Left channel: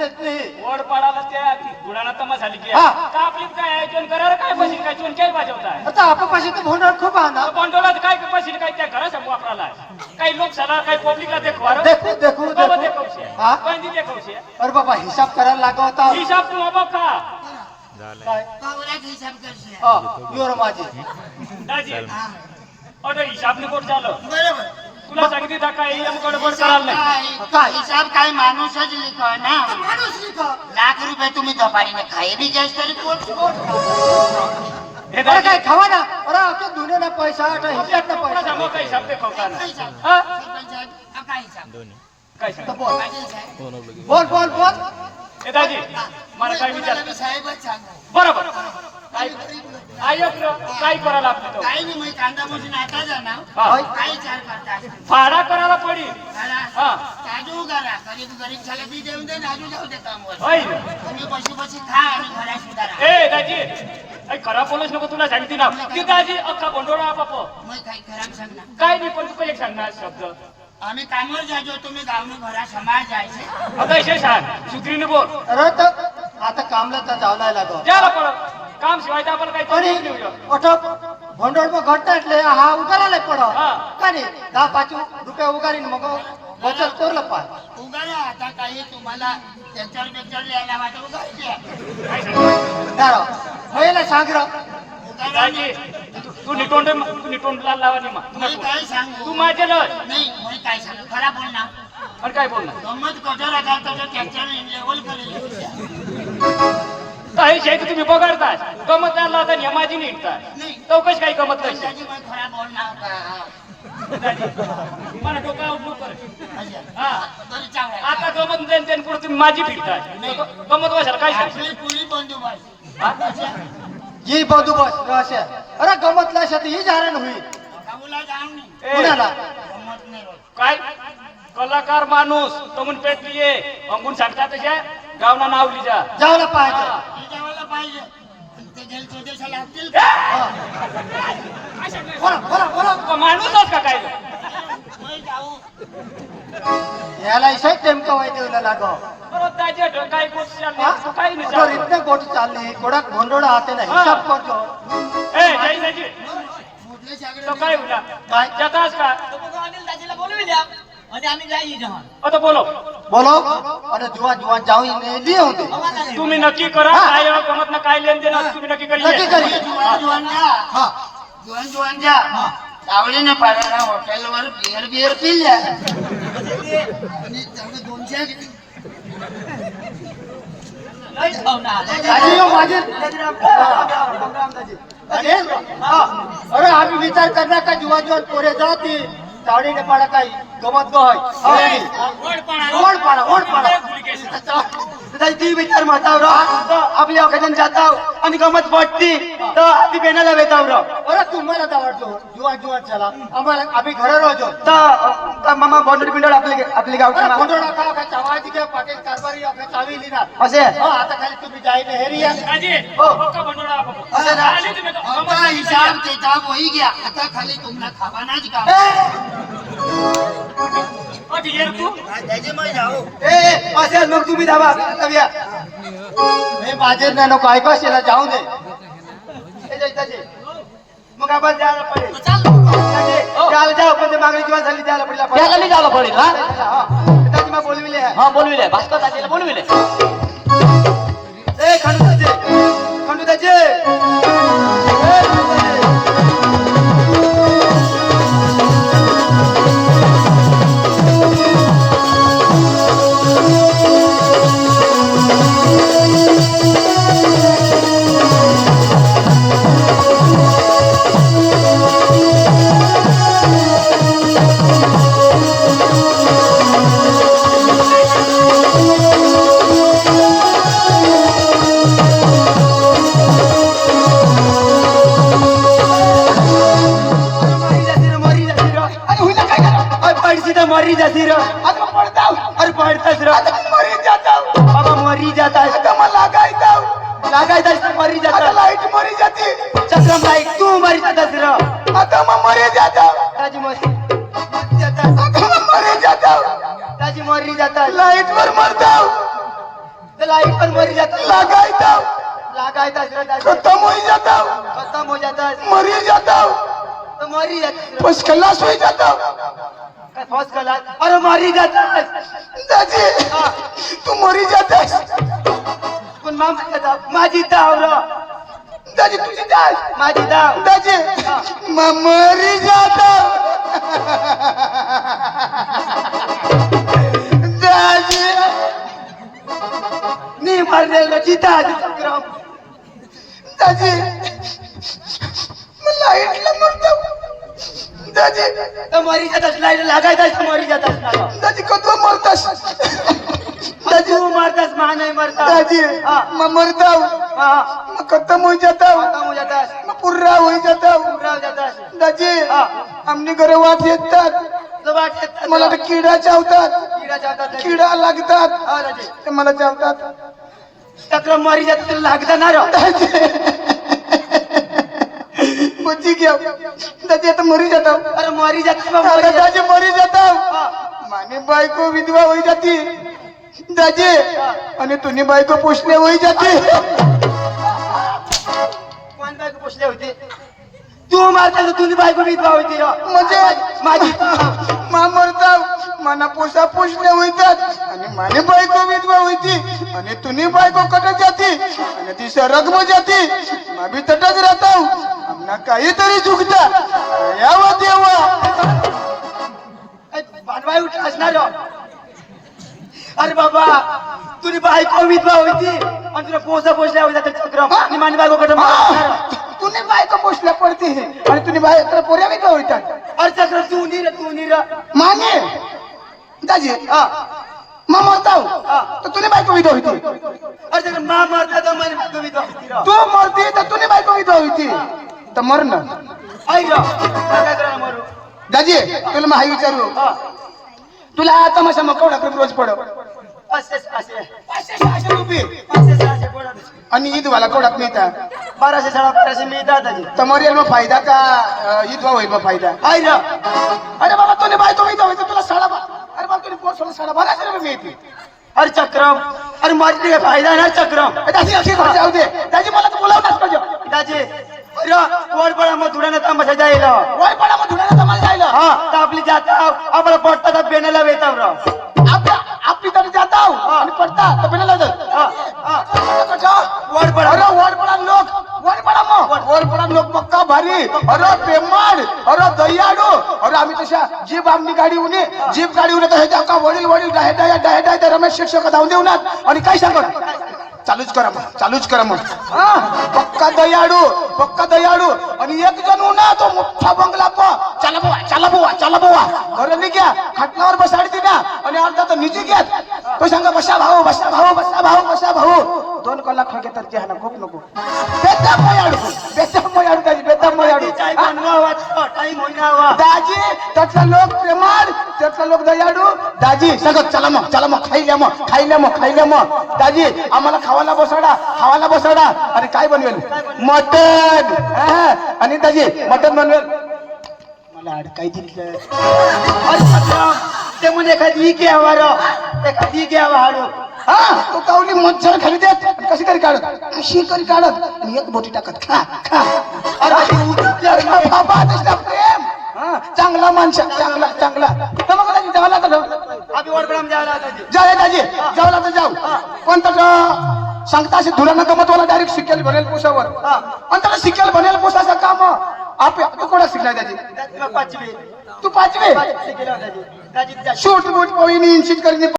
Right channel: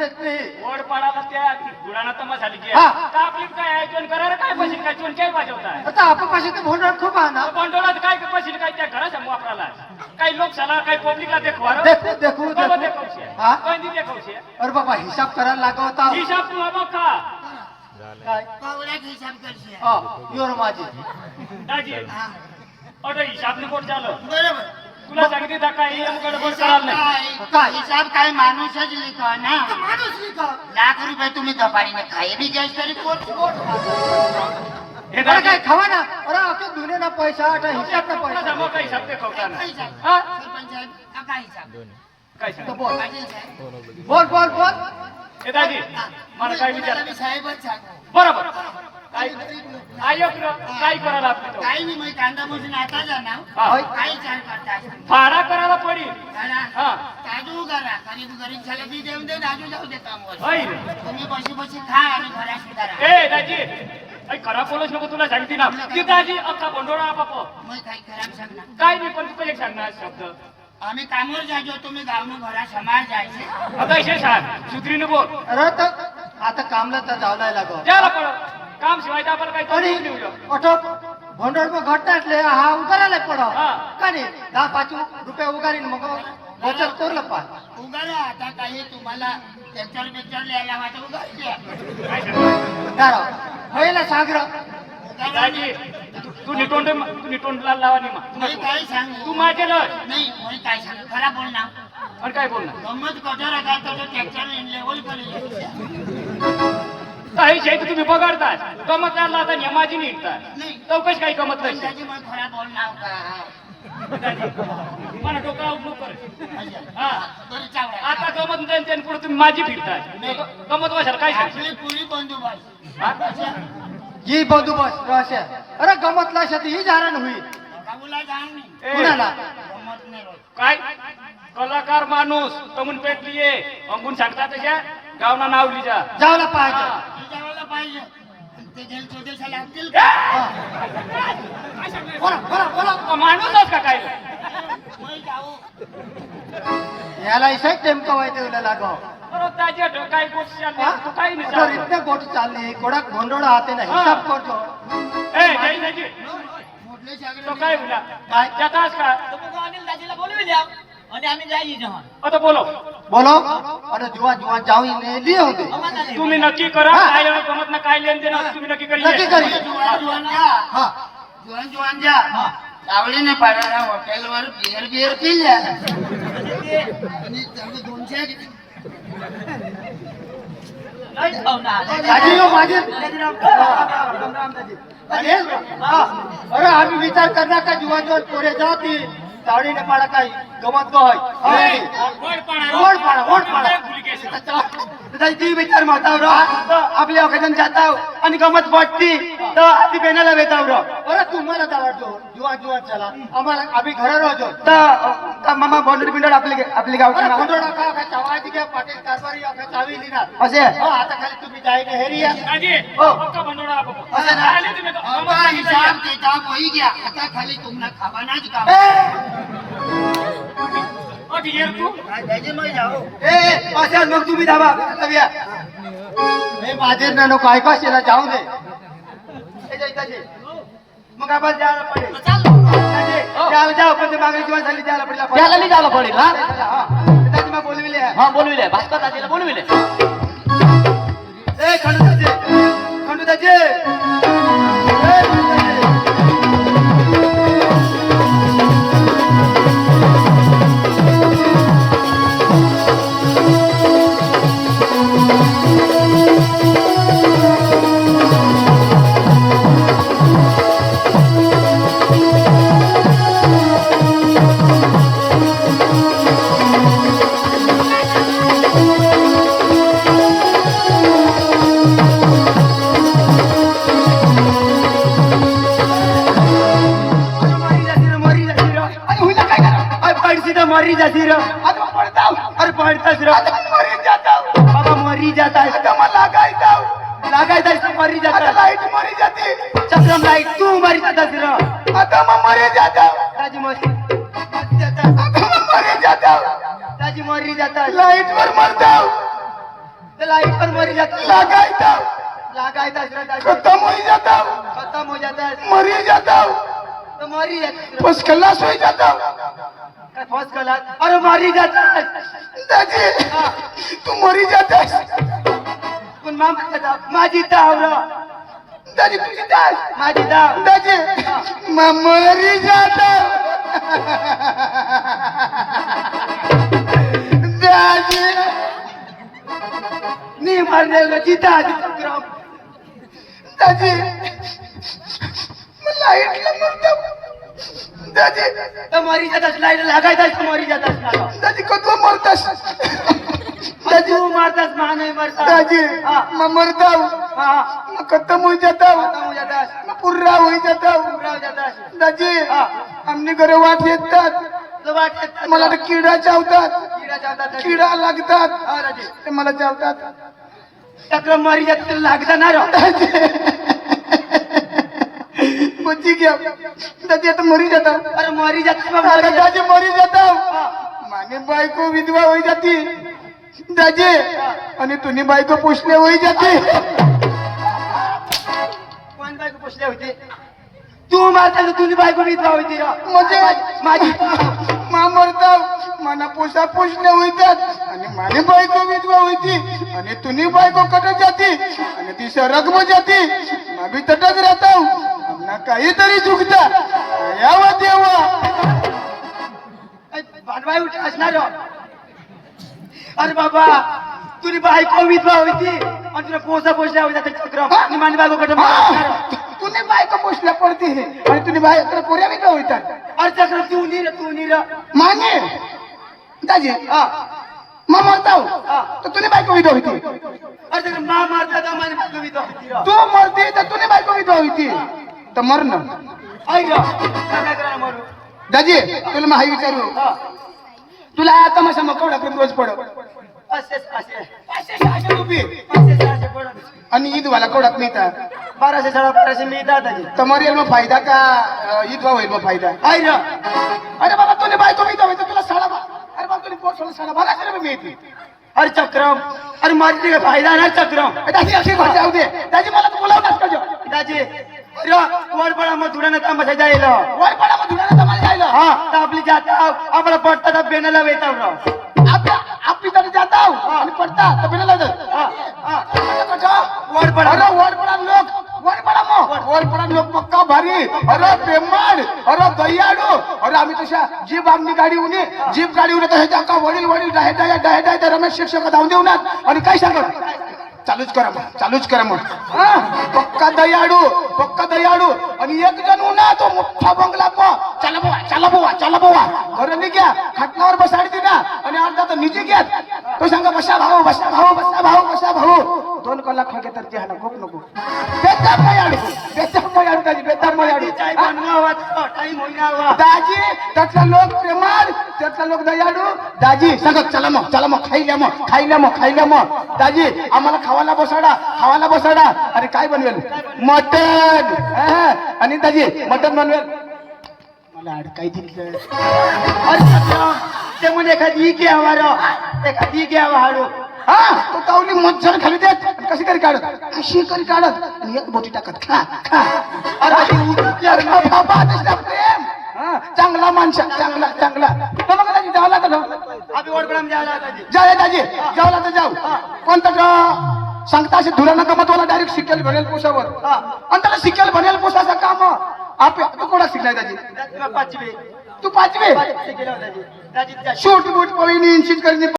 देत नाही वड पडाला त्या गुडाना तमाशा झाली की हा. का आपली काय आयोजन करार काय पैसे काय चोन काय वाजवताय आता आपण पाशी तर भोंडळ खूप आहे ना बंडोलात काय पैसे काय त्या घरा समोर वापराला काही लोक सला काही पब्लिकला देखवा देखू देखू बाबा देखू देखवशे हा कंदी देखवशे अरे बाबा हिसाब करायला लागत होता हिसाब तू बघा काय पावड्यात हिसाब करशील. योर माझी दाजी हा, अरे हिसाब ने कोट झालं बरोबर. तुला सांगितली तर काय गडबड करायला नाही काय हिसाब काय माणूसच लिखो ना माणूस लिखा लाख रुपये तुम्ही दपारीने खाई बी घ्यास तरी पोट हे अरे दाजी काय खावा ना अरे आता दुने ना पैसा आता हिसाब ना तुला पैसा सांगू काय हिसाब देखवता ना काय हिसाब? हा? सरपंच साहेब, हा काय हिसाब? काय तर सांग बोल पाटील साहेब, बोल बोल बोल हे दाजी मला काय विचार तुम्हाला मी साहेबच सांगू. बरोबर काय आयोग काय करायला आपली तो काही नाही मग कांदा मोजून आता जाणार हा. काय विचार करताय फाडा करायला पडेल हा. काजू करा गरीब गरीब झाला की देऊन दे नाजू जाऊ दे कामवर होय तुम्ही बशी बशी खा आणि घरा सुधारा ए दाजी ऐ खरा बोलच नको तुला सांगते ना ती दाजी अख्खा बंडोळा बाप मग काही खराब सांगणार काय नाही पण तू एक सांगणार शब्द आम्ही कामावर जायचो तुम्ही गावनं घरा समाज जायचे आता इशे सांग सुधरीने बोल अरे तर आता कामला तर जावला लागो द्यायला पडत काम शिवाय तर आपण काही आणि करू नाही. ओठो भोंडळ मग घटनाटले हा उगारायला पडो हा. का नाही 10-5 रुपये उगारीन मग बचत करलं पाय उगारा आता काही तुम्हाला लेक्चर लेक्चर लिहायला वाटत उगायचे काय सांगणार दारा होईल सांग र उगारा दाजी तू निटोंडला लावा नाही मी तू काय सांगू माझे लस नाही मी काय सांगू खरा बोल ना आणि काय बोलणार गंमत कठोर आहे का तो लेक्चर लेवल करेल काही शेत तुम्ही बघाडताय गमत नाही आता नेमाजी निघताय नाही चौकश काही गमत नाही त्याची मग खरा बोल ना का दाजी मला डोक्याला उठलो कर अच्छा. हा बरं चांगला आता गमत नाही त्याने पुढे तुम्ही माझी फिरताय गमत वाशाल काय सांग आपली पुरी बंदोबस्त हा? ही बंदोबस्त रहस्य अरे गमतला शेती ही जारण होईल गावला जाऊन ए, कुणाला गंमत नाही होत. काय कलाकार माणूस तमून पेटलीये अंगून सांगता तशा गावना नाव लिजा जावला पाहिजे हे जावायला पाहिजे ते गेल स्वदेशाला लागतील का? काय सांगणार बोला बोला बोला तो माणूसच का काय मी जाऊ याला इसे टेमका वाय देऊला लागो परत त्याच्या काय गोष्टी तू काही नाही तो सांगू. इतने गोट चालली कोडक भोंडोळा हाते ना हिसाब करतो ए जय दाजी मोठले सागरे तो काय होणार काय जातास का अनिल दाजीला बोलविल्या आणि आम्ही जाई जहान आता बोलो बोलो अरे जुवा जुवा जाऊ ने लिए होते तुम्ही नक्की करा काय गमत ना काय लेन देन तुम्ही नक्की नक्की करी करी जुवान जुवान जा हा जुवान जुवान जा सावलीने पाडायला हॉटेलवर बिअर बिअर पिल्या आणि त्यानं 200 नाही खावणार दादी यो माझे अरे हा अरे आम्ही विचार करणार का जुवा जुवा पोरे जाती सावडी ने पाडा काही गमत गय ओढ पाडा ती विचार मातावर आपली ऑकेजन जाताव आणि गमत पडती तर आधी बेनाला वेतावर अरे तुम्हाला आवडतो जुवा जुवा चला आम्हाला आम्ही घर राहतो तर मामा बॉन्डरी बिल्डर आपली गावची बॉन्डर नका काय चावायची काय पाटील कारभारी काय चावी लिहिणार असे आता खाली तुम्ही जाईने हेरिया दाजी हो. पक्का बंडोळा आपण असं ना. आले तुम्ही तर गमत आता नाही हिसाब किताब होई गया आता खाली तुम्हाला खावानाच काम अटी येर तू त्याची मग जाऊ ए असेल मग तुम्ही धावा करूया हे बाजेर ना नको ऐका शेला जाऊ दे मग आपण जायला पडेल जाऊ जाऊ पण ते मागणी किंवा झाली जायला पडेल त्याला नाही जायला पडेल हा त्याची मग बोलविले हा बोलविले भास्कर दाजीला बोलविले ए खंडू दाजे मरी जाती रे अरे पडतास रे बाबा मरी जाता लागायचा मरी जाता लाईट मरी जाते चक्रम लाईट तू मरी जातास रे आता मग मरी जाता ताजी मरी जाता मरी जाता ताजी मरी जाता लाईट वर मरता ते लाईट पर मरी जाते लगायता लगायता खत्म हो जाता खत्म हो जाता है मरी जाता तो मरी जाते बस खलास हो जाता फर्स्ट क्लास अरे मरी जाता है दाजी तू मरी जाता पण मामा जाता माझी दाव दाजी तुझी दाज माझी दाव दाजी मरी जाता दाजी नी मरने जीता चक्रम दाजी लाईटला मरतो दाजी तो मरी जाता लाईट लागायता मरी जाता दाजी कधी मरतास दादी तू मारतास मा नाही मरता दाजी हाँ मरता हाँ खत्म हो जाता खत्म हो जाता है पूरा हो जाता पूरा हो जाता है दाजी हाँ आमने घर वाट येतात तो वाटत मला तर किडा चावतात कीड़ा जाता है किडा लागतात हाँ दादी ते मला चावतात चक्रम मरी जाते लागता ना रो बची घ्या दाजी आता मरी जाता अरे मरी जाते बा, आता मरी जाते दाजी मरी जाता हाँ माने बायको विधवा होई जाती दाजी आणि तुम्ही बायको पुसले होई जाती कोण बायको पोचले होते तू मारता तर तुझी बायको विधवा होती रो म्हणजे माझी मा मरता मना पोसा पुसले होईतात आणि माने बायको विधवा होती आणि तुम्ही बायको कटक जाती आणि ती सरग जाती मा भी तटक राहता आमना काहीतरी चुकता यावा देवा भांडवाई उठ असणार रो अरे बाबा तुझी बायको विधवा होती आणि तुला पोसा पोचल्या होता ते चक्रम आणि माझी बायको कडे मारणार तुने बायको पोसल्या पडते आणि तुम्ही बायको पोऱ्या विधवा होईतात अरे चक्रम तू नीर माने दाजी हाँ मा मरताव हाँ तर तुने बायको विधवा होती अरे चक्रम माँ मारता तो माझी बायको विधवा होती रो तू मरते तर तुने बायको विधवा होती तर मरण आई रो काय करा मरू दाजी तुला माही विचारू हाँ तुला आता मसा मकवडा रोज पड असे असे 500 रुपये असे पडत आणि ईद वाला कोडात मिळतात 1200 1250 मिळतात त्याची तर मरियल मग फायदा का ईद वा होईल मग फायदा आई रो अरे बाबा तुने बायको विधवा होती तुला अरे बाबा तुने पोर सोडून 1250 रुपये मिळते अरे चक्रम अरे मारते का फायदा ना चक्रम दाजी अशी घर जाऊ दे दाजी मला तर बोलावताच का दाजी अरे वर पडा मग धुडा ना मजा जायला वर पडा मग धुण्याला जमायला जायला हा तर आपली जाता आपला पडता तर बेनाला वेताव राव आपली तरी जाता आणि पडता तर बिनाला वर पडा अरे वर पडा मग वर पडा लोक पक्का भारी अरे प्रेमळ अरे दयाळू अरे आम्ही तशा जीप आमनी गाडी उनी जीप गाडी उन्हा तशा का वडील डाय तर रमेश शिक्षक धावून देऊनात आणि काय सांगत चालूच करा मग पक्का दयाळू आणि एक जण उन्हा तो मोठा बंगला चला बुवा घर निघ्या खाटलावर बसाडी ना आणि अर्धा तर निजी घ्या तो सांगा बसा भाऊ 2 कलाक खागे तर ते खूप नको बेताम मयाडू टाइम होईना दाजी त्यातला लोक प्रेमाळ त्यातला लोक दयाळू दाजी सांगत चला मग खाईल्या मग दाजी आम्हाला खावाला बसाडा अरे काय बनवेल मटन आणि दाजी मटन बनवेल मला अडकाई दिलं अरे चक्रम ते म्हणे एखादी घ्यावा हाडू तो कावली मच्छर खाली देत कशी करी काढत आणि एक बोटी टाकत खा अरे बाबा तसला प्रेम चांगला माणसा चांगला तर मग दाजी जावं लागत आम्ही वर पडा जायला दाजी जाऊ लागत जाऊ कोणता सांगता असे धुरानं गमत मला डायरेक्ट शिकेल बनेल पोसावर आणि त्याला शिकेल बनेल पोसाचं काम तू कोणा शिकलाय दाजी पाचवी तू 5वे शिकेला दाजी दाजी शूट बूट पवीन इंचित करीन